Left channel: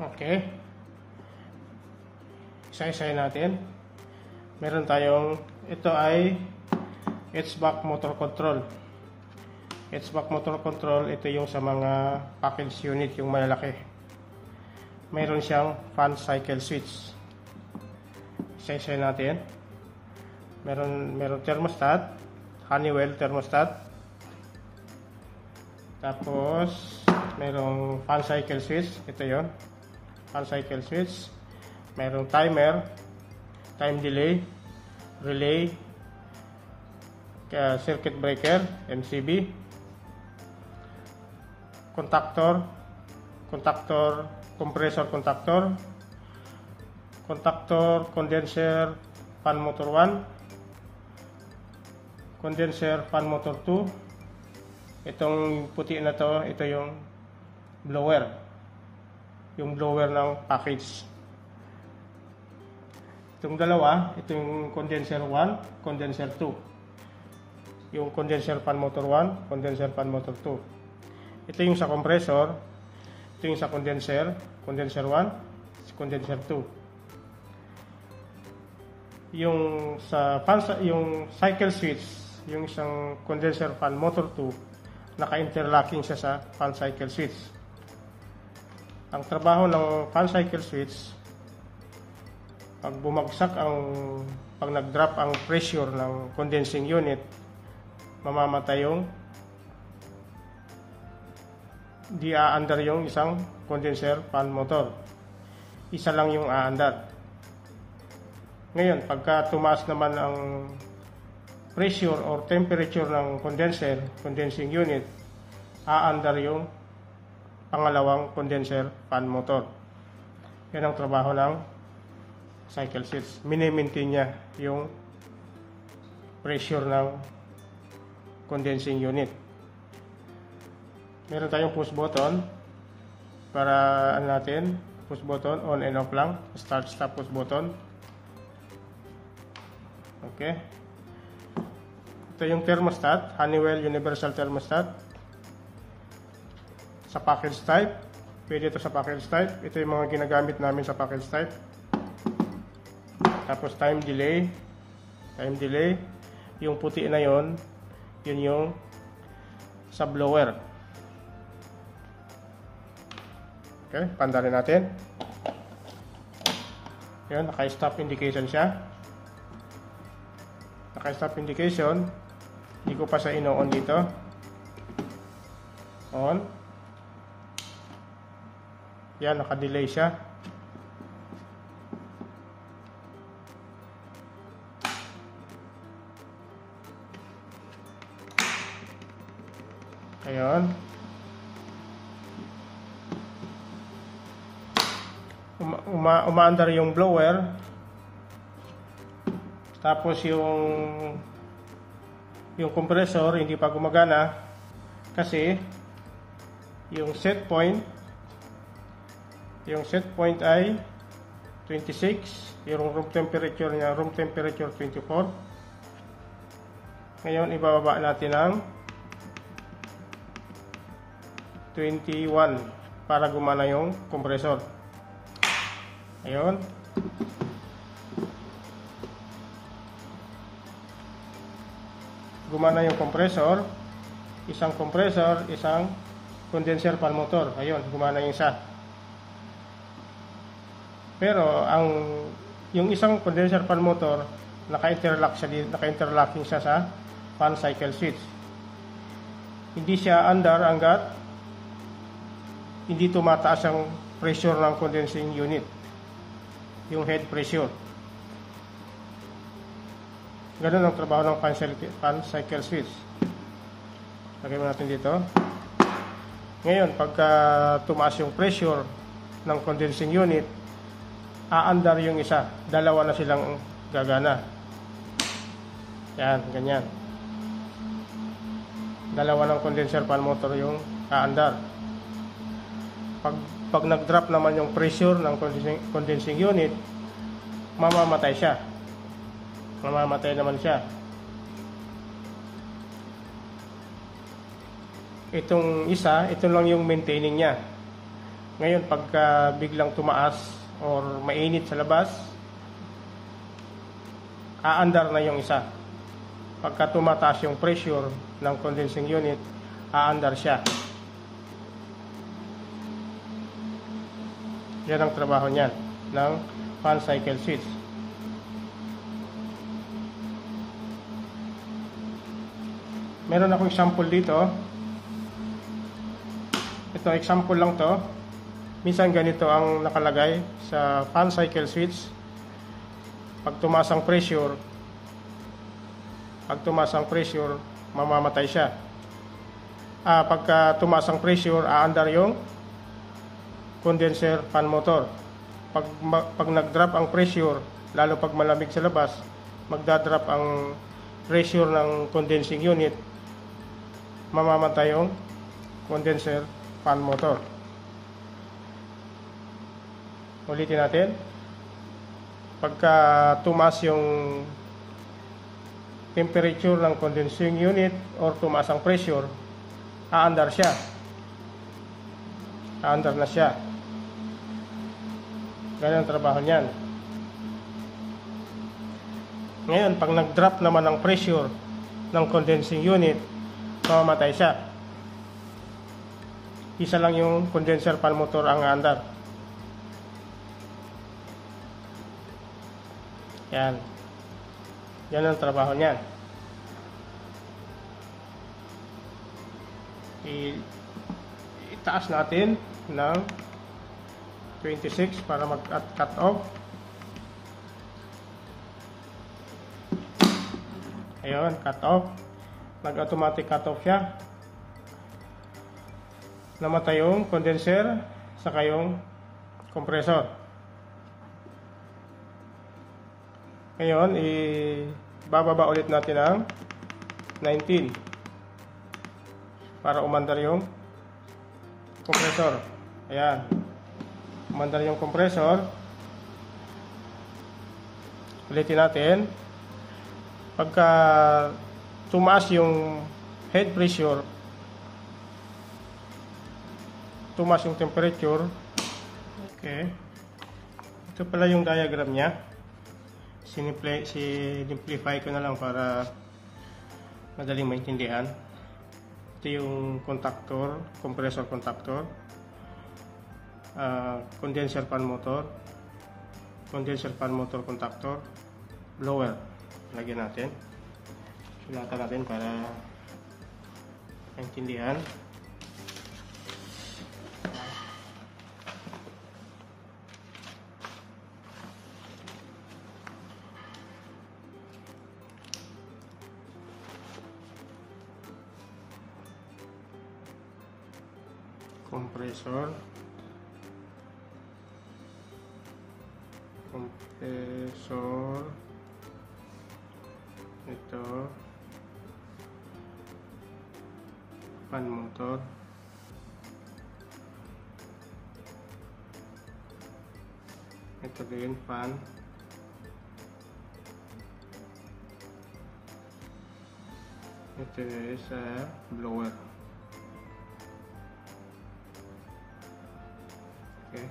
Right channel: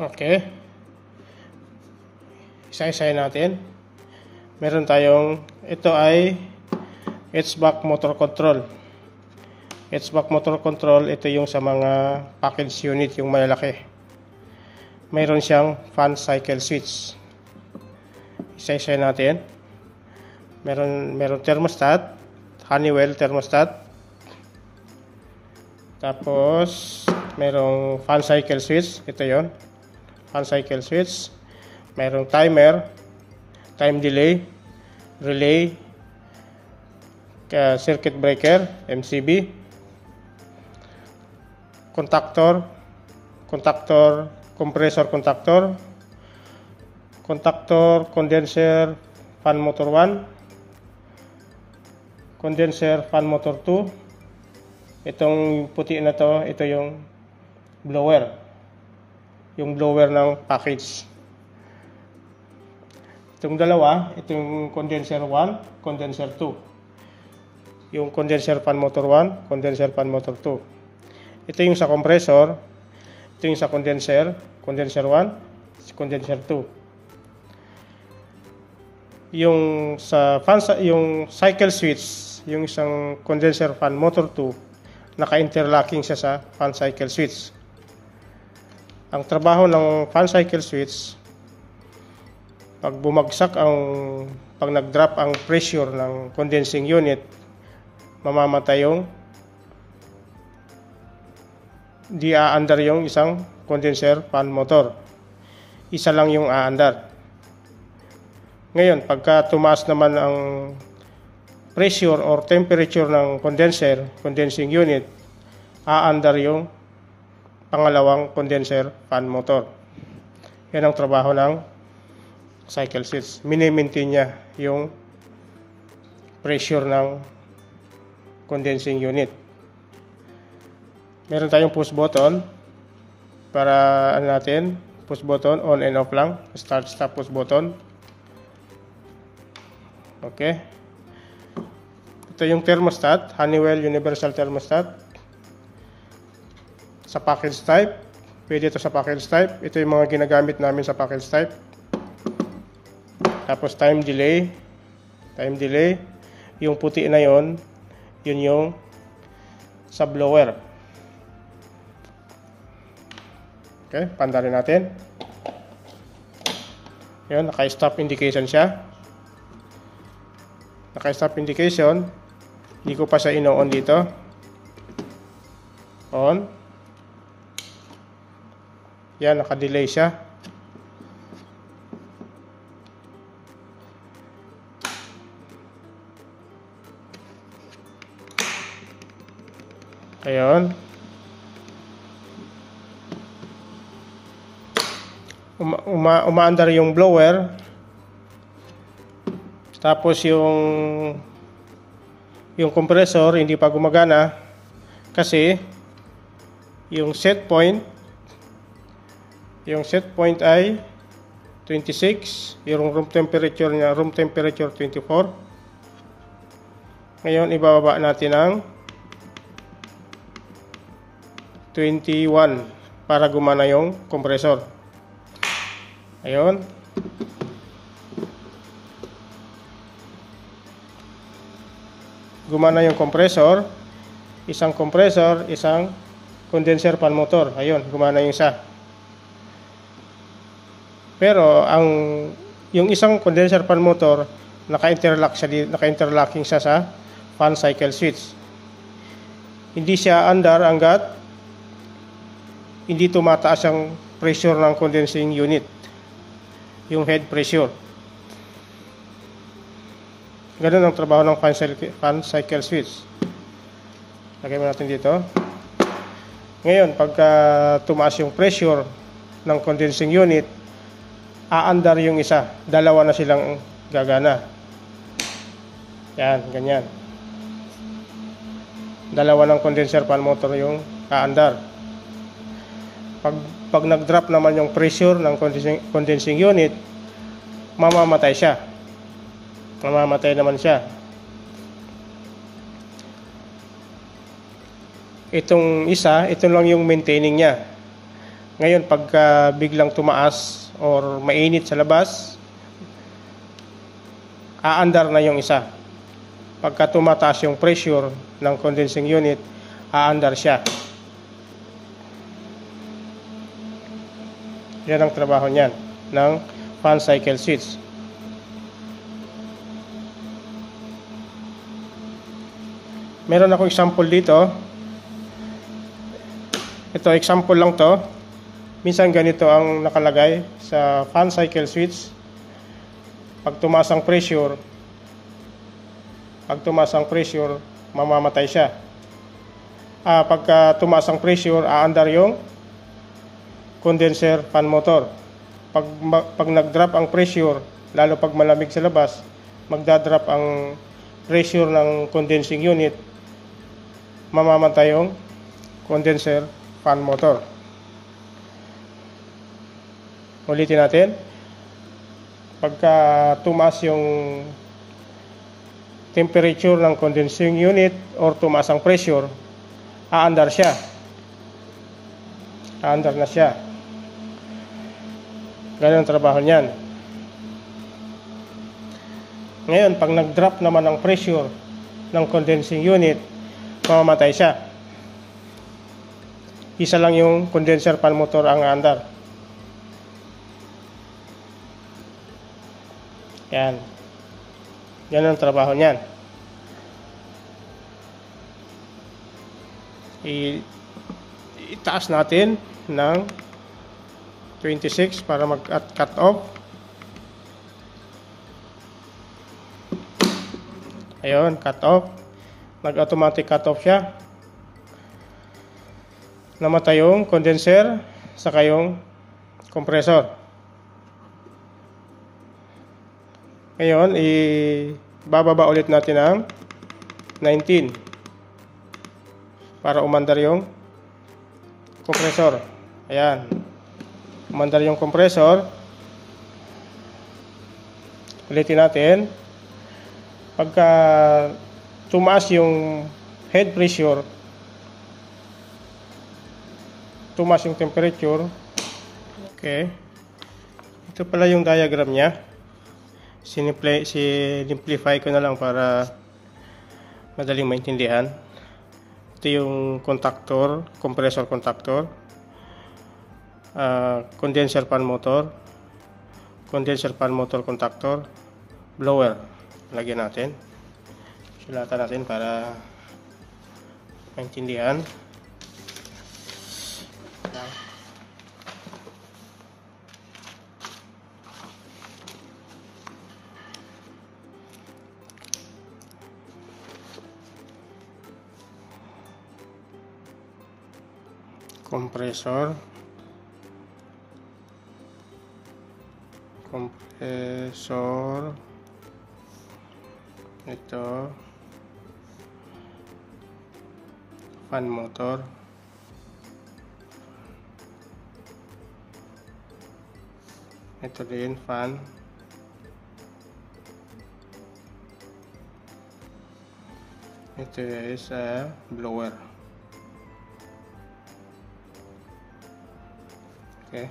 Okay. Isa-isahin natin. Meron tayong, ito ay HVAC motor control. HVAC motor control, ito yung sa mga package unit, yung malalaki. Mayroon siyang fan cycle switch. Isa-isahin natin. Meron thermostat, Honeywell thermostat. Tapos merong fan cycle switch, ito yon, fan cycle switch. Merong timer, time delay, relay, circuit breaker, MCB, contactor, compressor contactor, condenser, fan motor 1, condenser, fan motor 2. Itong puti na to, ito yung blower. Yung blower ng package. Itong dalawa, ito yung condenser 1, condenser 2. Yung condenser fan motor 1, condenser fan motor 2. Ito yung sa compressor. Ito yung sa condenser 1, condenser 2. Yung sa fan, yung cycle switch, yung isang condenser fan motor 2, naka-interlocking siya sa fan cycle switch. Ang trabaho ng fan cycle switch, pag nag-drop ang pressure ng condensing unit, mamamatay yung di aandar yung isang condenser fan motor. Isa lang yung aandar. Ngayon, pagka tumaas naman ang pressure or temperature ng condensing unit, aandar yung pangalawang condenser fan motor. Yan ang trabaho ng cycle switch. Mini-maintain niya yung pressure ng condensing unit. Meron tayong push button para push button, on and off lang. Start, stop, push button. Okay. Ito yung thermostat, Honeywell Universal Thermostat. Sa package type, pwede ito sa package type. Ito yung mga ginagamit namin sa package type. Tapos time delay, yung puti na yon, yun yung sa blower. Okay, pandarin natin. Yun, naka-stop indication siya. Naka-stop indication. Hindi ko pa siya ino-on dito. On. Yan, naka-delay siya. Ayun. Umaandar yung blower. Tapos yung compressor hindi pa gumagana kasi yung set point ay 26, yung room temperature niya, room temperature 24. Ngayon ibababa natin ng 21 para gumana yung compressor. Ayun. Gumana yung compressor. Isang compressor, isang condenser fan motor. Ayun, gumana yung isa. Pero yung isang condenser fan motor, naka-interlocking siya sa fan cycle switch. Hindi siya andar hanggat hindi tumataas ang pressure ng condensing unit, yung head pressure. Ganun ang trabaho ng fan cycle switch. Lagay mo natin dito. Ngayon, pagka tumaas yung pressure ng condensing unit, aandar yung isa. Dalawa na silang gagana. Yan, ganyan. Dalawa ng condenser fan motor yung aandar. Pag nag-drop naman yung pressure ng condensing unit, mamamatay siya. Mamamatay naman siya. Itong isa, ito lang yung maintaining niya. Ngayon, pagka biglang tumaas or mainit sa labas, aandar na yung isa. Pagka tumataas yung pressure ng condensing unit, aandar siya. Yan ang trabaho niyan ng fan cycle switch. Meron akong example dito. Ito, example lang to. Minsan ganito ang nakalagay sa fan cycle switch. Pag tumaas ang pressure, mamamatay siya. Pagka tumaas ang pressure, aandar yung condenser fan motor. Pag nag-drop ang pressure, lalo pag malamig sa labas, magdadrop ang pressure ng condensing unit, mamamatay yung condenser fan motor. Ulitin natin. Pagka tumaas yung temperature ng condensing unit or tumaas ang pressure, aandar siya. Aandar na siya. Ganyan ang trabaho niyan. Ngayon, pag nag-drop naman ang pressure ng condensing unit, mamamatay siya. Isa lang yung condenser fan motor ang aandar. Yan. Yan ang trabaho niyan. Itaas natin ng 26 para mag-cut off. Ayun, cut off. Nag-automatic cut off siya. Namatay yung condenser saka yung compressor. Ngayon, bababa ulit natin ang 19 para umandar yung compressor. Ayan. Umandar yung compressor. Ulitin natin. Pagka tumaas yung head pressure, tumaas yung temperature. Okay. Ito pala yung diagram niya. Simplify ko na lang para madaling maintindihan. Ito yung contactor, compressor contactor, condenser fan motor, contactor, blower. Lagyan natin. Sulatan natin para maintindihan. Compressor, ito fan motor, ito din fan, ito is a blower. Okay.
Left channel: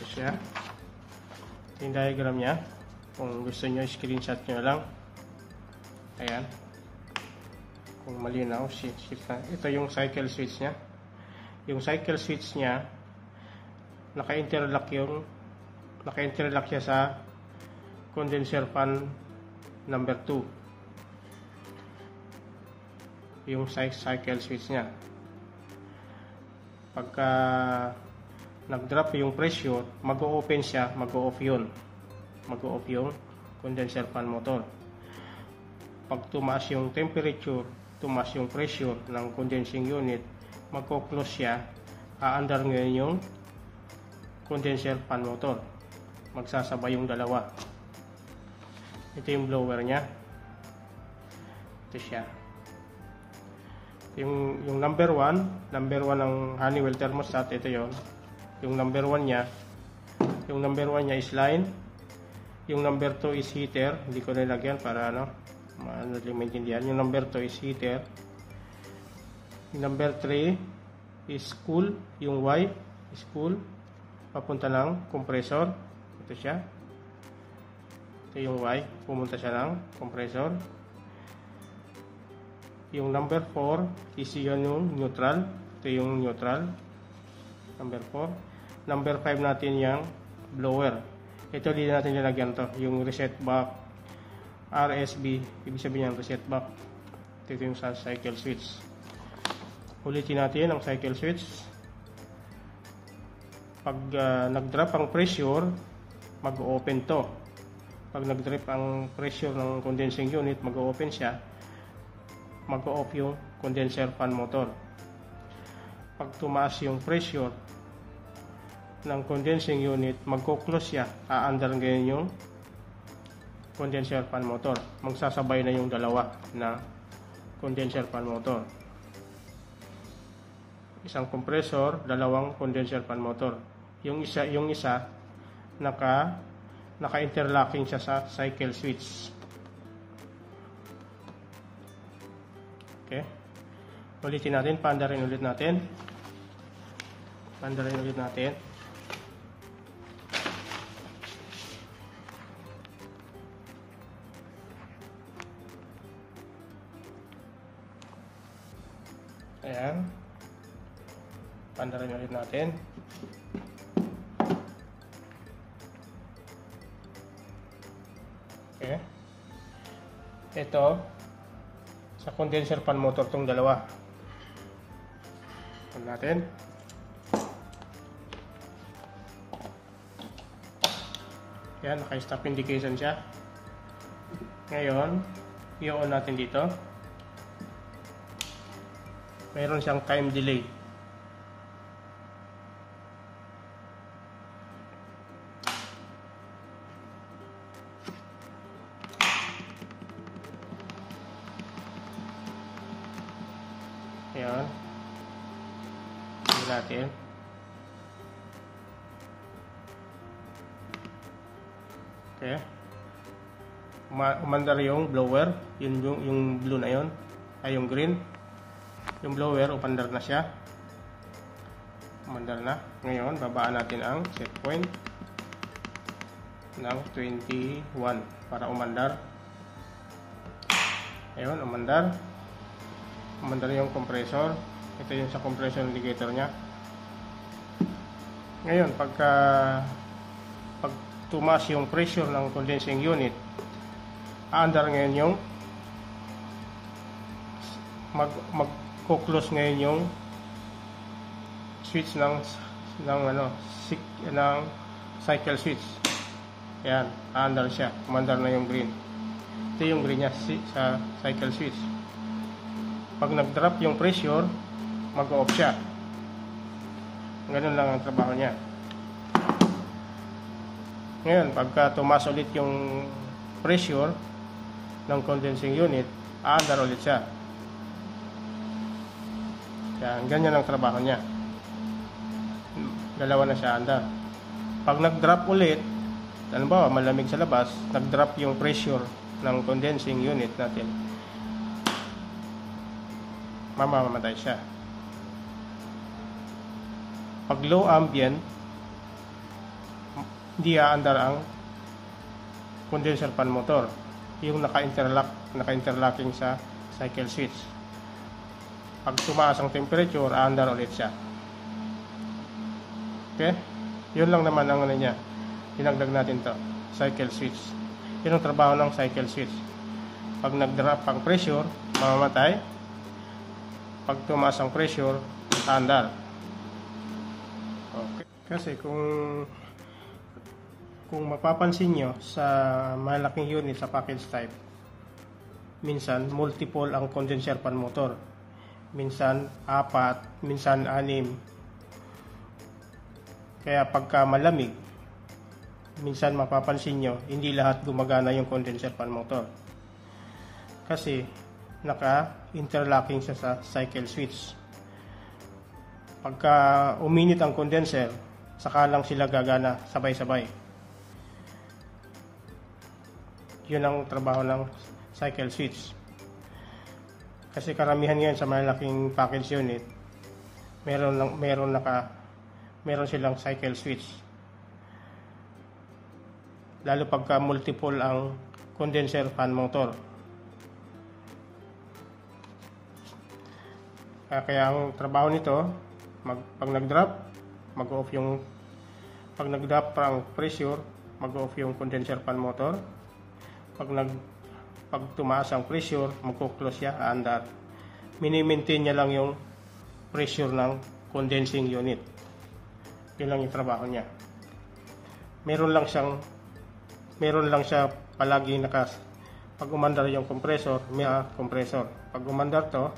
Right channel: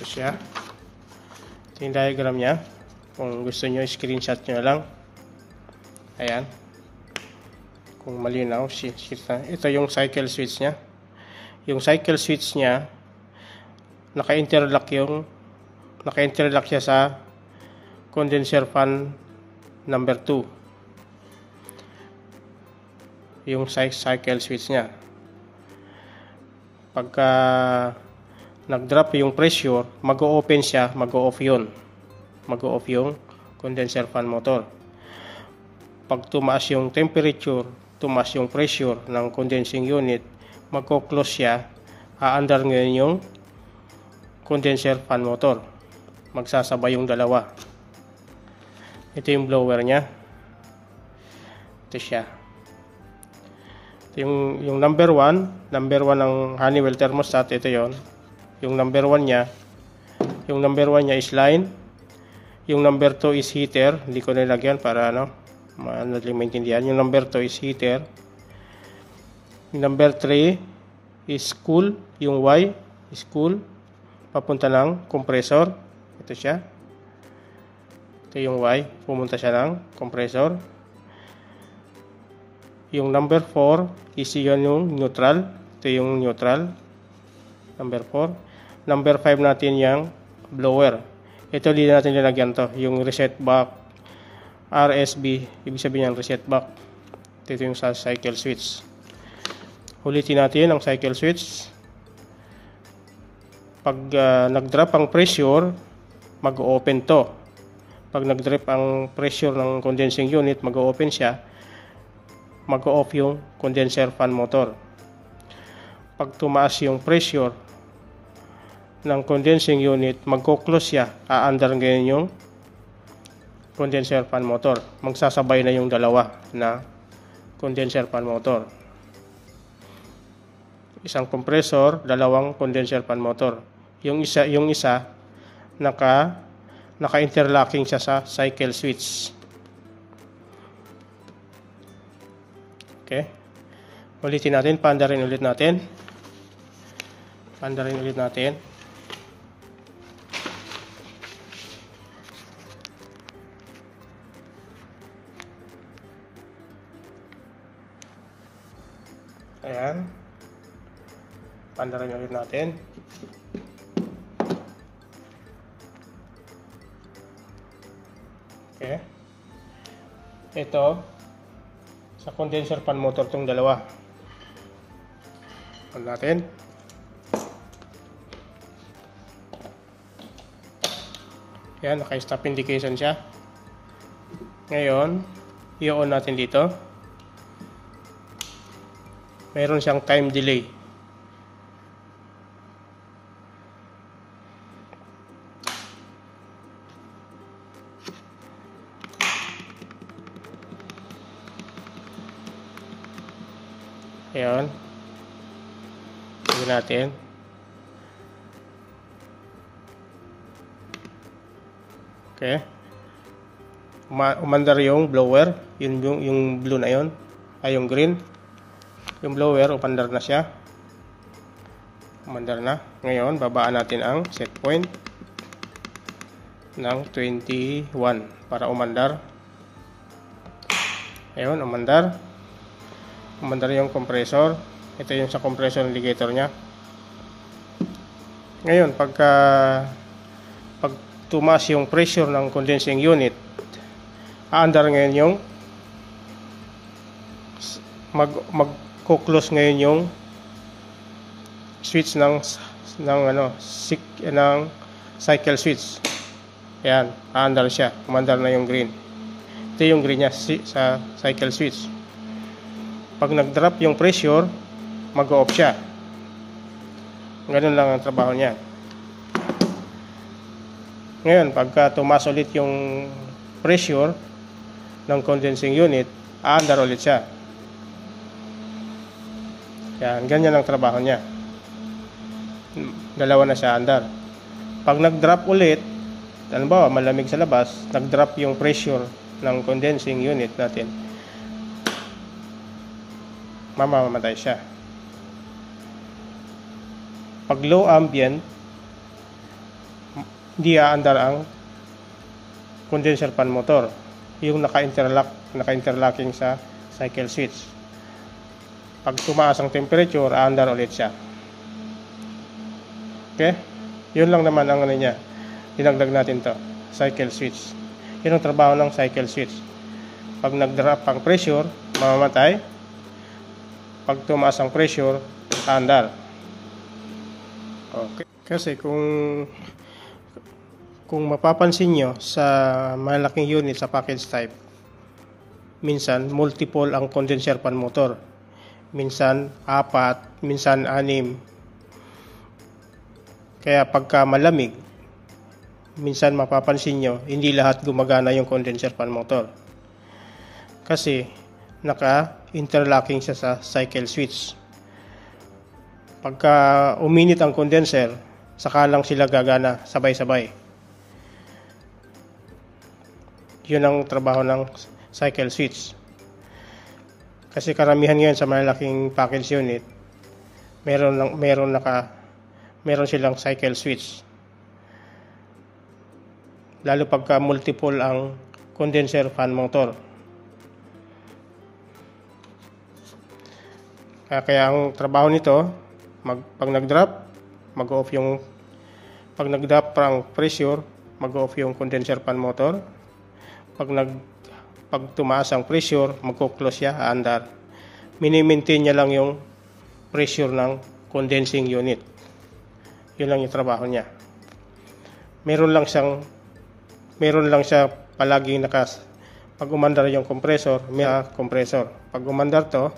Ito siya. Ito yung diagram niya. Kung gusto nyo, screenshot nyo lang. Ayan. Kung malinaw, shift na. Ito yung cycle switch niya. Yung cycle switch niya, naka-interlock siya sa condenser fan number 2. Yung cycle switch niya. Pagka nag-drop yung pressure, mag-o-open siya, mag-o-off yun. Mag-o-off yung condenser fan motor. Pag tumaas yung temperature, tumaas yung pressure ng condensing unit, mag-o-close siya, aandar ngayon yung condenser fan motor. Magsasabay yung dalawa. Ito yung blower niya. Ito siya. Yung number 1 ng Honeywell thermostat, ito yon. Yung number 1 niya is line. Yung number 2 is heater. Hindi ko nilagyan para madaling maintindihan. Yung number 2 is heater. Number 3 is cool. Yung Y is cool. Papunta ng compressor. Ito siya. Ito yung Y. Pumunta siya ng compressor. Yung number 4 is yung neutral. Ito yung neutral. Number 4. Number 5 natin yung blower. Ito din natin nilagyan to. Yung reset back. RSB. Ibig sabihin yung reset back. Ito yung sa cycle switch. Ulitin natin ang cycle switch. Pag nag-drop ang pressure, mag-open to. Pag nag-drop ang pressure ng condensing unit, mag-open siya. Mag-off yung condenser fan motor. Pag tumaas yung pressure ng condensing unit, mag-close siya. Aandar ngayon yung condenser fan motor. Magsasabay na yung dalawa na condenser fan motor. Isang compressor, dalawang condenser fan motor. Yung isa naka-interlocking siya sa cycle switch. Okay. Ulitin natin, paandarin ulit natin. Ayan. Paandarin ulit natin. Okay. Ito sa condenser fan motor tong dalawa. On natin. Yan, naka-stop indication siya. Ngayon, i-on natin dito. Meron siyang time delay. Ayan. Tingnan natin. Okay. Umandar yung blower. Yung blue na yun. Ay, yung green. Yung blower, umandar na siya. Umandar na. Ngayon, babaan natin ang set point ng 21 para umandar. Ayun, umandar. Umandar yung compressor. Ito yung sa compressor indicator nya. Ngayon, pag tumaas yung pressure ng condensing unit, aandar ngayon yung mag-close ngayon yung switch ng cycle switch. Ayan, aandar siya. Umandar na yung green. Ito yung green nya sa cycle switch. Pag nag-drop yung pressure, mag-off siya. Ganun lang ang trabaho niya. Ngayon, pagka tumaas ulit yung pressure ng condensing unit, aandar ulit siya. Yan, ganyan ang trabaho niya. Dalawa na siya andar. Pag nag-drop ulit, halimbawa malamig sa labas, nag-drop yung pressure ng condensing unit natin, mamamatay siya. Pag low ambient, hindi aandar ang condenser fan motor, yung naka-interlocking sa cycle switch. Pag tumaas ang temperature, aandar ulit siya. Okay? Yun lang naman ang niya. Dinagdag natin to, cycle switch. Yun ang trabaho ng cycle switch. Pag nag-drop ang pressure, mamamatay. Pag tumaas ang pressure, aandar. Okay. Kasi kung mapapansin nyo sa malaking unit sa package type, minsan multiple ang condenser fan motor, minsan 4, minsan 6. Kaya pagka malamig, minsan mapapansin nyo hindi lahat gumagana yung condenser fan motor kasi naka-interlocking siya sa cycle switch. Pagka uminit ang condenser, saka lang sila gagana sabay-sabay. Yun ang trabaho ng cycle switch. Kasi karamihan ngayon sa malalaking package unit, meron silang cycle switch. Lalo pagka multiple ang condenser fan motor. Kaya ang trabaho nito, pag nag-drop, mag-off yung pag nag-drop ang pressure, mag-off yung condenser fan motor. Pag tumaas ang pressure, magko-close siya, aandar. Mini-maintain niya lang yung pressure ng condensing unit. Yun lang yung trabaho niya. Meron lang siya palaging pag umandar yung compressor, may compressor. Pag umandar ito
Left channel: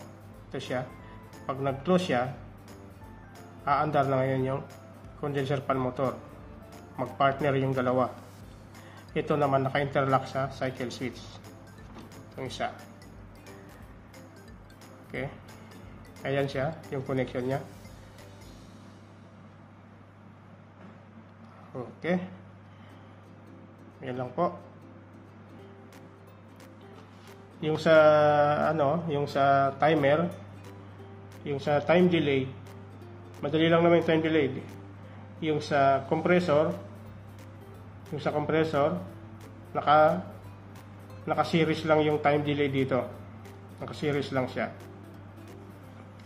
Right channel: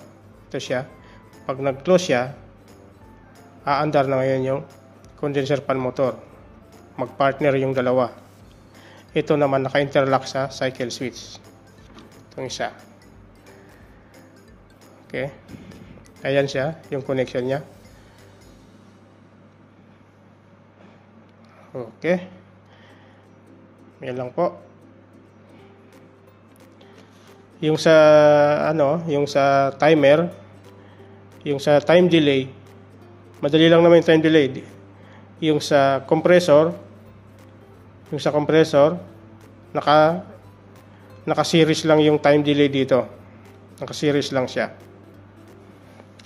siya. Pag nag-close siya, aandar na ngayon yung condenser fan motor. Mag-partner yung dalawa. Ito naman naka-interlock sa cycle switch. Itong isa. Okay. Ayan siya, yung connection niya. Okay. Yan lang po. Yung sa timer, yung sa time delay, madali lang naman yung time delay. Yung sa compressor, naka-series lang yung time delay dito. Naka-series lang siya.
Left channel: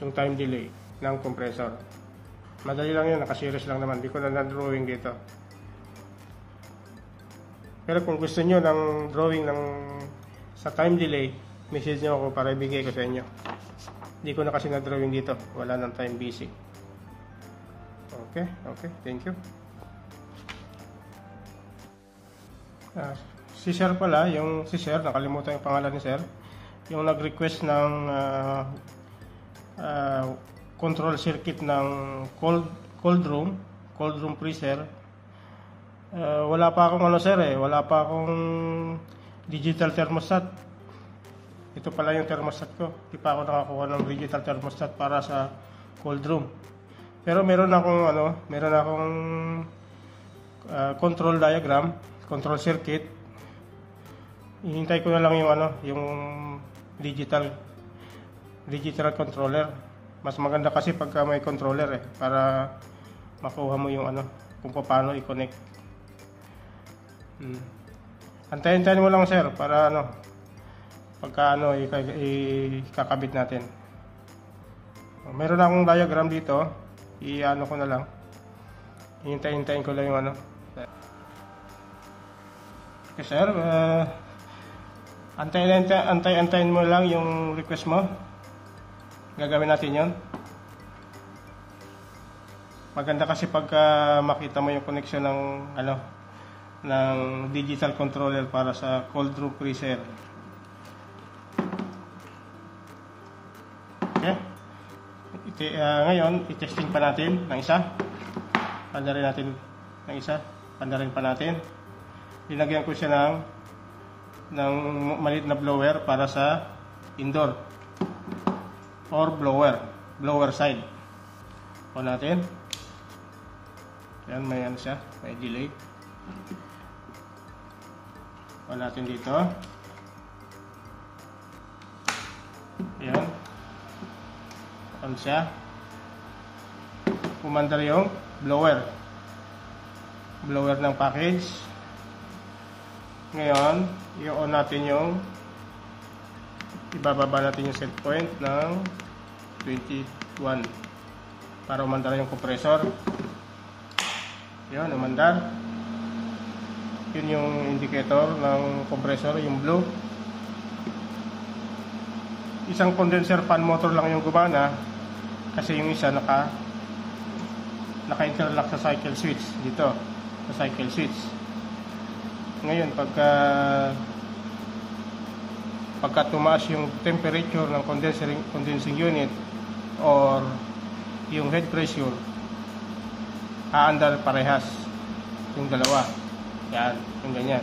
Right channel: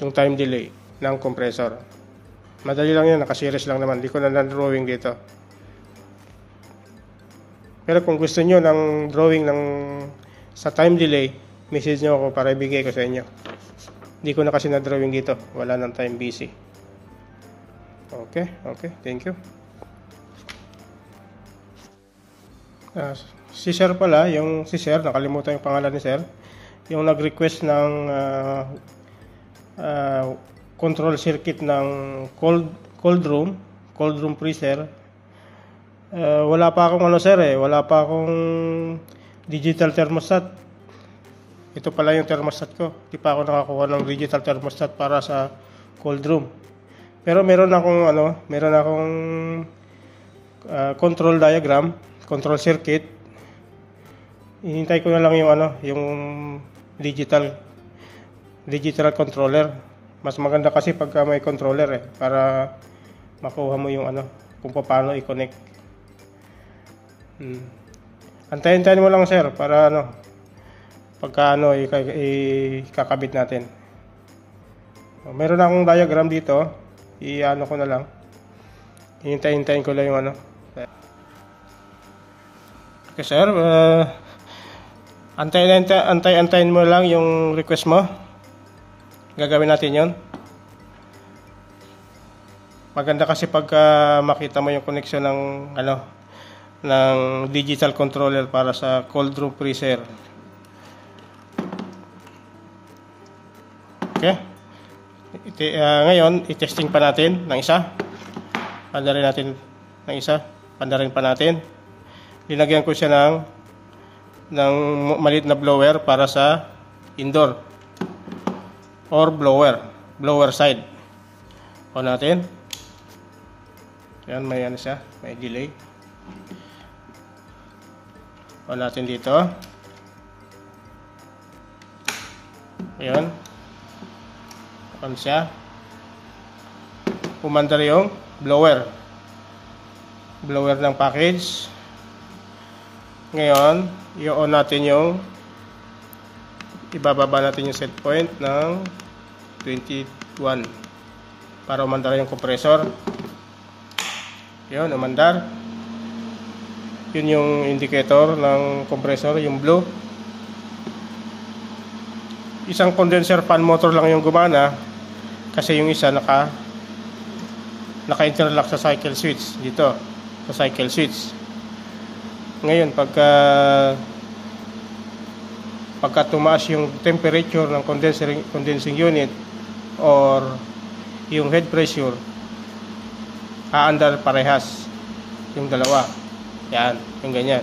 Yung time delay ng compressor. Madali lang yan, naka-series lang naman. Hindi ko na drawing dito. Pero kung gusto nyo ng drawing sa time delay, message nyo ako para ibigay ko sa inyo. Hindi ko na kasi na-drawing dito. Wala ng time busy. Okay. Thank you. Si Sir pala, si Sir, nakalimutan yung pangalan ni Sir. Yung nag-request ng control circuit ng cold room freezer. Wala pa akong wala pa akong digital thermostat. Ito pala yung thermostat ko. Di pa ako nakakuha ng digital thermostat para sa cold room. Pero meron akong control diagram, control circuit. Hinintay ko na lang yung digital controller. Mas maganda kasi pagka may controller para makuha mo yung kung paano i-connect. Antayin mo lang, Sir, para pagka ikakabit natin. Meron akong diagram dito. Ko na lang. Hintayin ko lang yung Okay, Sir. Antayin mo lang yung request mo. Gagawin natin yon. Maganda kasi pagka makita mo yung connection ng digital controller para sa cold room freezer. Okay. Ngayon, i-testing pa natin ng isa. Pandarin pa natin. Linagyan ko siya ng maliit na blower para sa indoor or blower side. On natin. Yan, may siya, may delay. On natin dito. Ayan. On siya. Umandar yung blower ng package. Ngayon, i-on natin ibababa natin yung set point ng 21 para umandar yung compressor. Yun, umandar. Yun yung indicator ng compressor, yung blue. Isang condenser fan motor lang yung gumana kasi yung isa naka-interlock sa cycle switch dito, sa cycle switch. Ngayon, pagka tumaas yung temperature ng condensing unit or yung head pressure, aandar parehas yung dalawa. Yan, yung ganyan.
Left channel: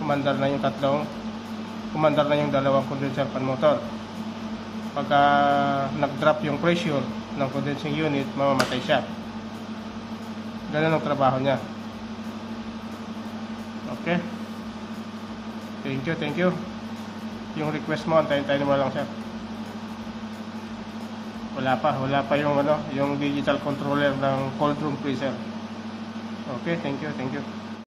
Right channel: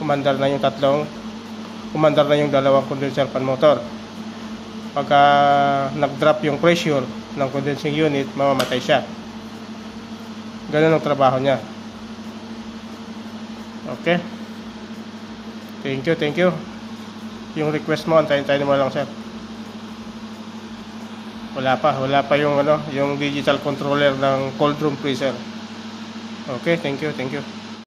Umandar na yung dalawang condenser fan motor. Pagka nag-drop yung pressure ng condensing unit, mamamatay siya. Ganun ang trabaho niya. Okay. Thank you. Yung request mo, antayin mo lang, Sir. Wala pa yung ano, yung digital controller ng cold room freezer. Okay, thank you.